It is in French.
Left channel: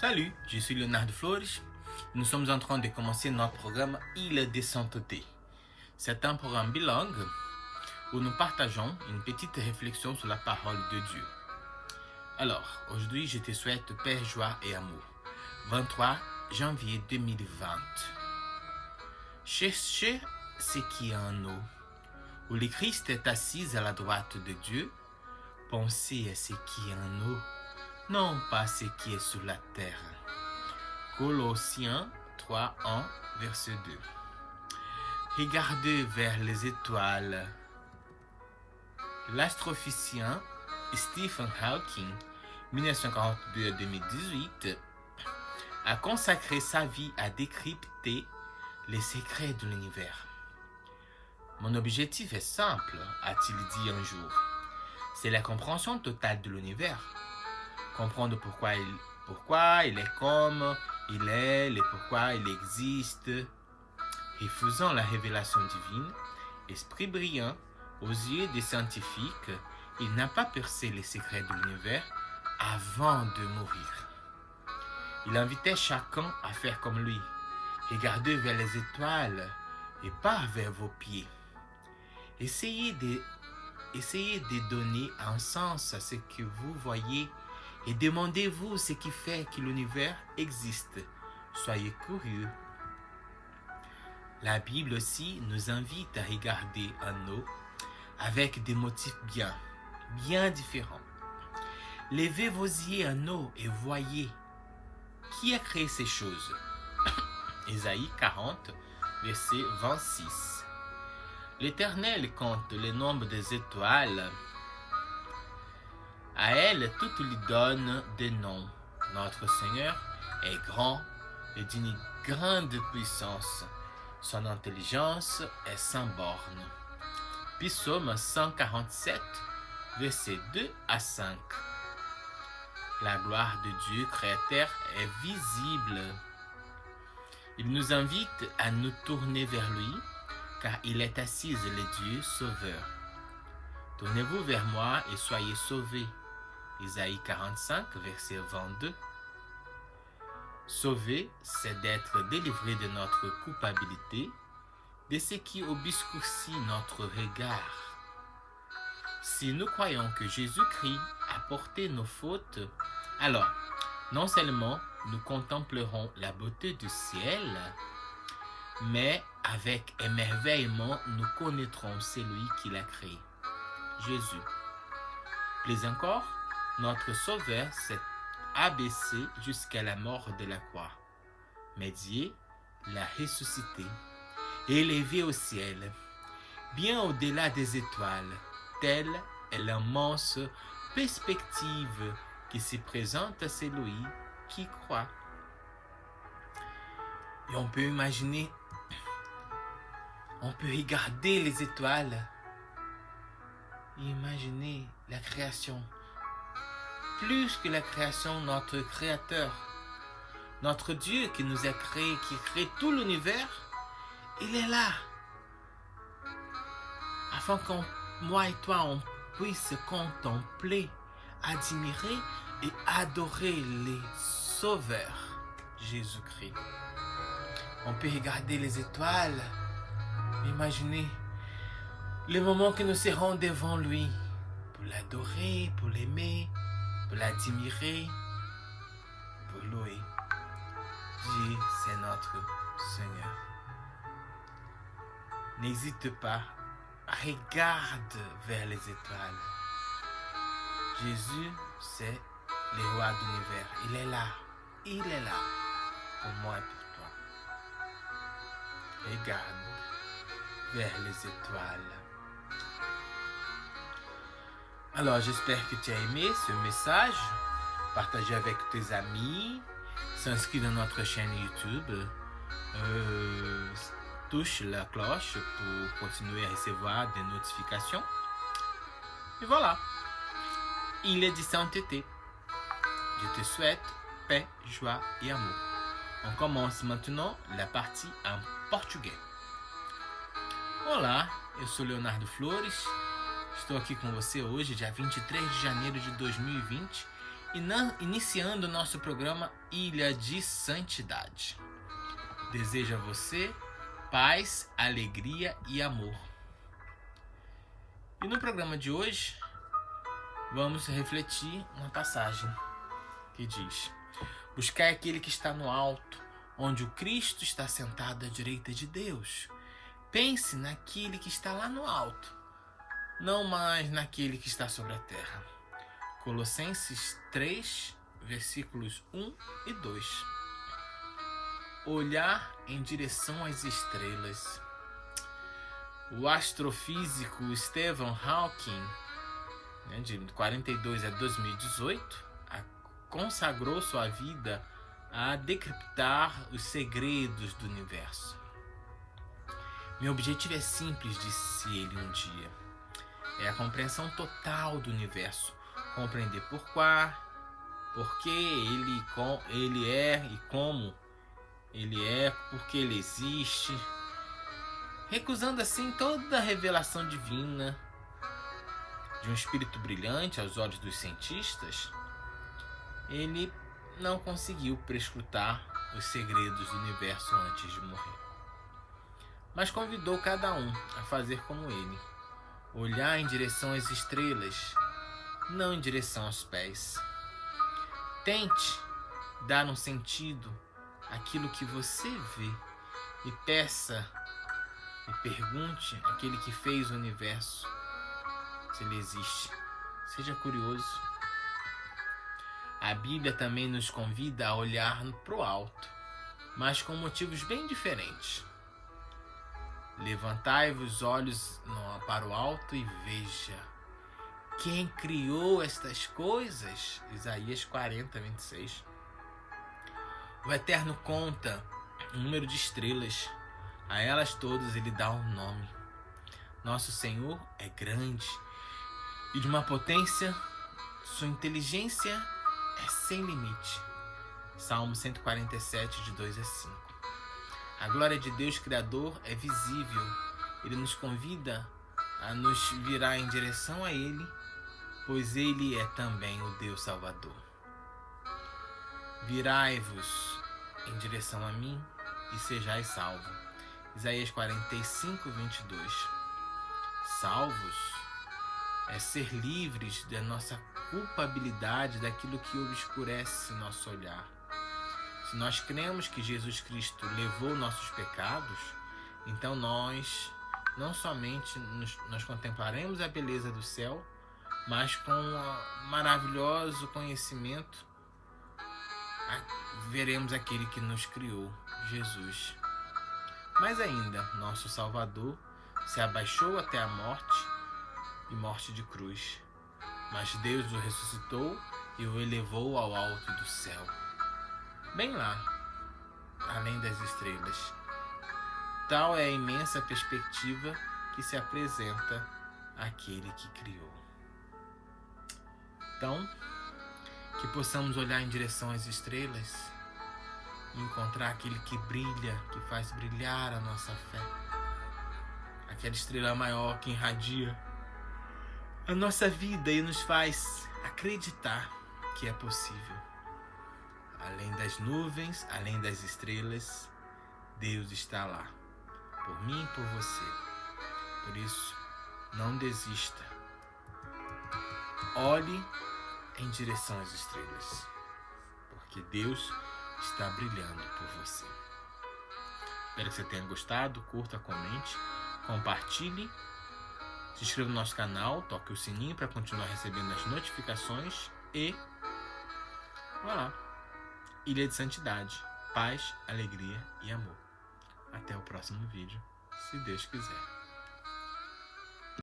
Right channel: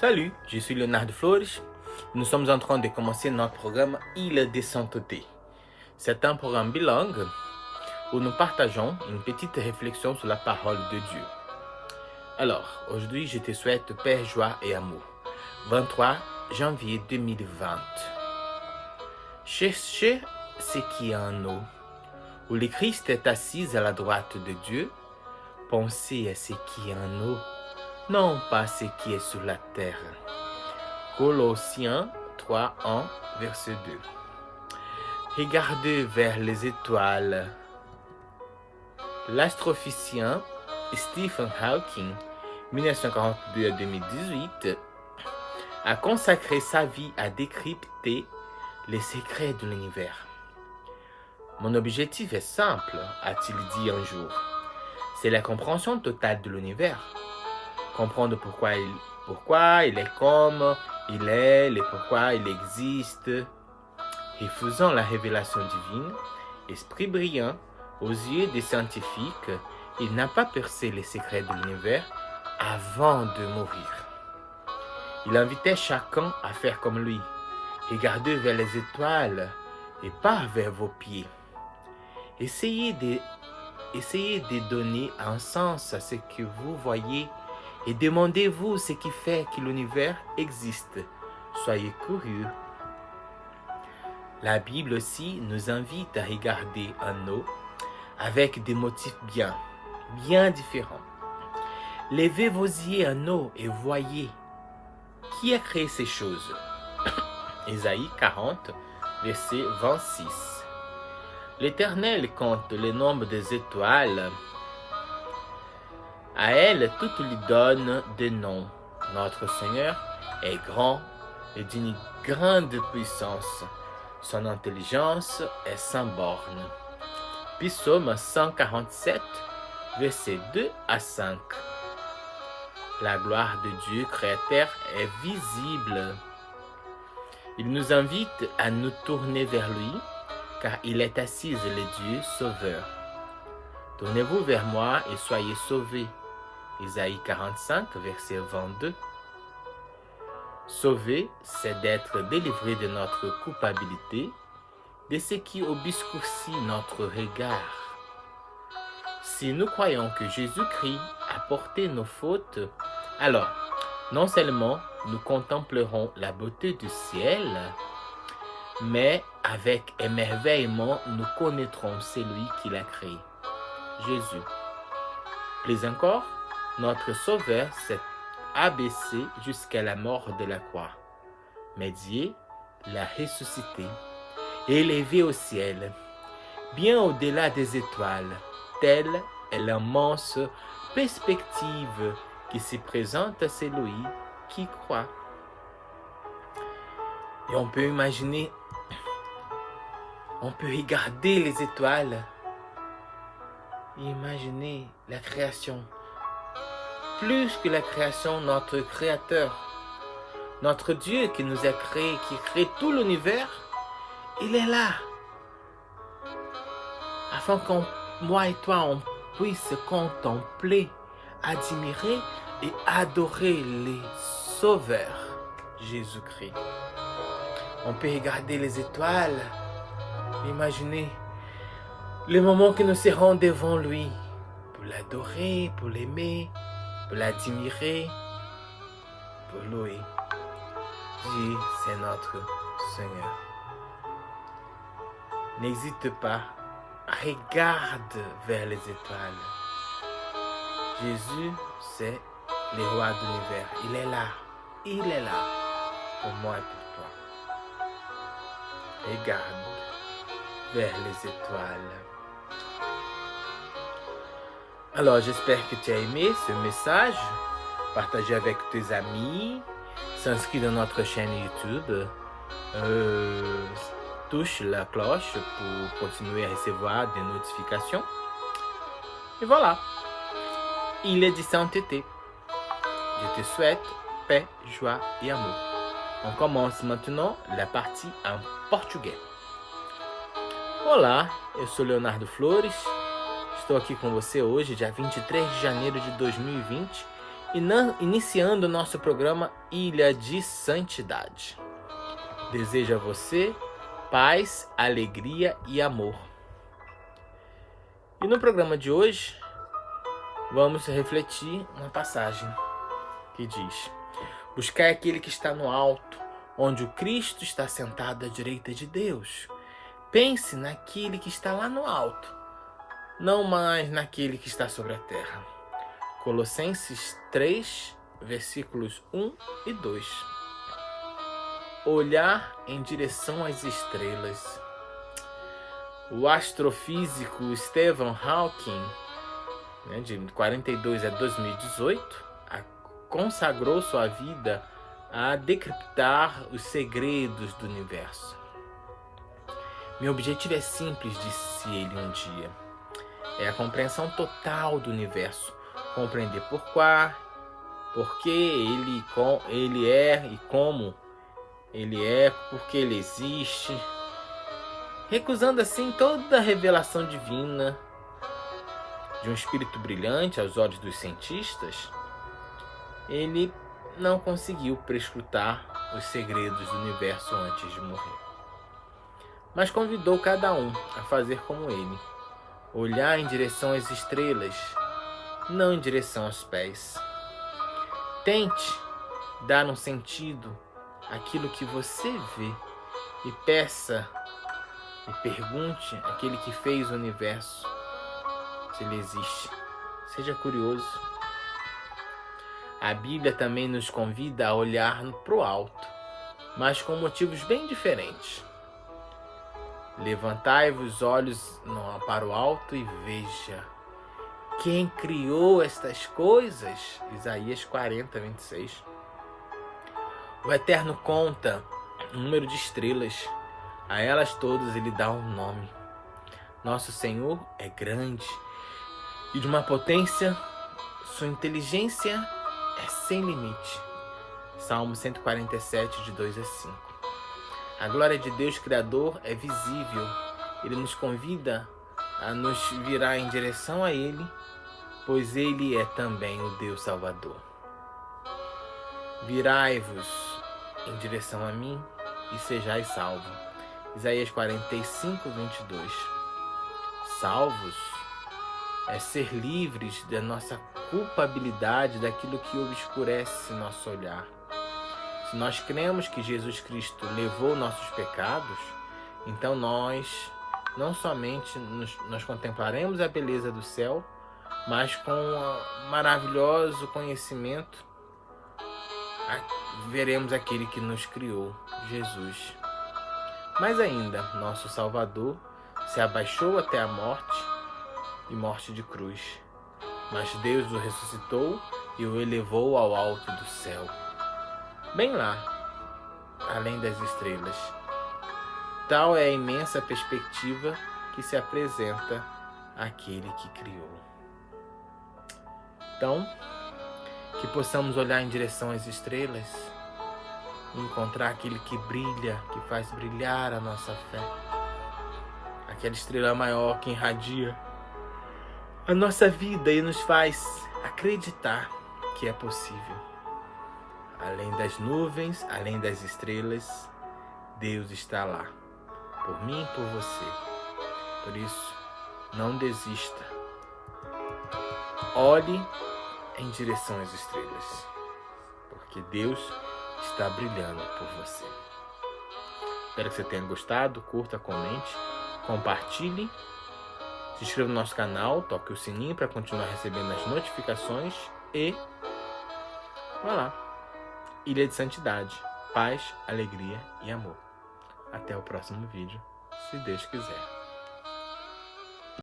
Salut, je suis Leonardo Flores. Nous sommes en train de commencer notre programme Île de Sainteté. C'est un programme bilingue où nous partageons une petite réflexion sur la parole de Dieu. Alors, aujourd'hui, je te souhaite paix, joie et amour. 23 janvier 2020. Cherchez ce qui est en haut, où le Christ est assis à la droite de Dieu. Pensez à ce qui est en haut, non pas ce qui est sur la terre. Colossiens 3, 1, verset 2. Regardez vers les étoiles. L'astrophysicien Stephen Hawking, 1942 à 2018, a consacré sa vie à décrypter les secrets de l'univers. Mon objectif est simple, a-t-il dit un jour. C'est la compréhension totale de l'univers. Comprendre pourquoi il est comme il est et pourquoi il existe. Refusant la révélation divine, esprit brillant, aux yeux des scientifiques, il n'a pas percé les secrets de l'univers avant de mourir. Il invitait chacun à faire comme lui. Regardez vers les étoiles et pas vers vos pieds. Essayez de donner un sens à ce que vous voyez et demandez-vous ce qui fait que l'univers existe. Soyez curieux. La Bible aussi nous invite à regarder en haut avec des motifs bien différents. Levez vos yeux en haut et voyez qui a créé ces choses. Ésaïe 40, verset 26. L'Éternel compte le nombre des étoiles. À elle, toutes lui donnent des noms. Notre Seigneur est grand et d'une grande puissance. Son intelligence est sans borne. Psaume 147, versets 2 à 5. La gloire de Dieu créateur est visible. Il nous invite à nous tourner vers lui, car il est assis le Dieu sauveur. Tournez-vous vers moi et soyez sauvés. Ésaïe 45, verset 22. Sauver, c'est d'être délivré de notre culpabilité, de ce qui obscurcit notre regard. Si nous croyons que Jésus-Christ a porté nos fautes, alors non seulement nous contemplerons la beauté du ciel, mais avec émerveillement nous connaîtrons celui qui l'a créé, Jésus. Plus encore, notre Sauveur s'est abaissé jusqu'à la mort de la croix. Mais Dieu l'a ressuscité, élevé au ciel, bien au-delà des étoiles. Telle est l'immense perspective qui se présente à celui qui croit. Et on peut imaginer, on peut regarder les étoiles et imaginer la création. Plus que la création, notre Créateur, notre Dieu qui nous a créés, qui crée tout l'univers, il est là. Afin que moi et toi, on puisse contempler, admirer et adorer les sauveurs, Jésus-Christ. On peut regarder les étoiles, imaginer les moments que nous serons devant lui, pour l'adorer, pour l'aimer, pour l'admirer, pour louer. Dieu, c'est notre Seigneur. N'hésite pas, regarde vers les étoiles. Jésus, c'est le roi de l'univers. Il est là pour moi et pour toi. Regarde vers les étoiles. Alors, j'espère que tu as aimé ce message. Partage avec tes amis. S'inscris dans notre chaîne YouTube. Touche la cloche pour continuer à recevoir des notifications. Et voilà. Il est de sainteté. Je te souhaite paix, joie et amour. On commence maintenant la partie en portugais. Olá, eu sou Leonardo Flores. Estou aqui com você hoje, dia 23 de janeiro de 2020, iniciando o nosso programa Ilha de Santidade. Desejo a você paz, alegria e amor. E no programa de hoje, vamos refletir uma passagem que diz: buscai aquele que está no alto, onde o Cristo está sentado à direita de Deus. Pense naquele que está lá no alto, não mais naquele que está sobre a terra. Colossenses 3, versículos 1 e 2. Olhar em direção às estrelas. O astrofísico Stephen Hawking, de 42 a 2018, consagrou sua vida a decriptar os segredos do universo. Meu objetivo é simples, disse ele um dia. É a compreensão total do universo. Compreender por que ele é e como ele é, porque ele existe. Recusando assim toda a revelação divina de um espírito brilhante aos olhos dos cientistas, ele não conseguiu prescrutar os segredos do universo antes de morrer. Mas convidou cada um a fazer como ele, olhar em direção às estrelas, não em direção aos pés. Tente dar um sentido àquilo que você vê e peça e pergunte àquele que fez o universo se ele existe. Seja curioso. A Bíblia também nos convida a olhar para o alto, mas com motivos bem diferentes. Levantai-vos os olhos para o alto e veja quem criou estas coisas. Isaías 40, 26. O Eterno conta o número de estrelas. A elas todas ele dá um nome. Nosso Senhor é grande e de uma potência, sua inteligência é sem limite. Salmo 147, de 2 a 5. A glória de Deus Criador é visível. Ele nos convida a nos virar em direção a Ele, pois Ele é também o Deus Salvador. Virai-vos em direção a mim e sejais salvos. Isaías 45, 22. Salvos é ser livres da nossa culpabilidade, daquilo que obscurece nosso olhar. Se nós cremos que Jesus Cristo levou nossos pecados, então nós não somente nós contemplaremos a beleza do céu, mas com um maravilhoso conhecimento veremos aquele que nos criou, Jesus. Mais ainda, nosso Salvador se abaixou até a morte e morte de cruz, mas Deus o ressuscitou e o elevou ao alto do céu, bem lá, além das estrelas. Tal é a imensa perspectiva que se apresenta àquele que criou. Então, que possamos olhar em direção às estrelas e encontrar aquele que brilha, que faz brilhar a nossa fé. Aquela estrela maior que irradia a nossa vida e nos faz acreditar que é possível. Além das nuvens, além das estrelas, Deus está lá, por mim e por você. Por isso, não desista. Olhe em direção às estrelas, porque Deus está brilhando por você. Espero que você tenha gostado. Curta, comente, compartilhe, se inscreva no nosso canal, toque o sininho para continuar recebendo as notificações e vai lá. Ilha de Santidade, paz, alegria e amor. Até o próximo vídeo, se Deus quiser.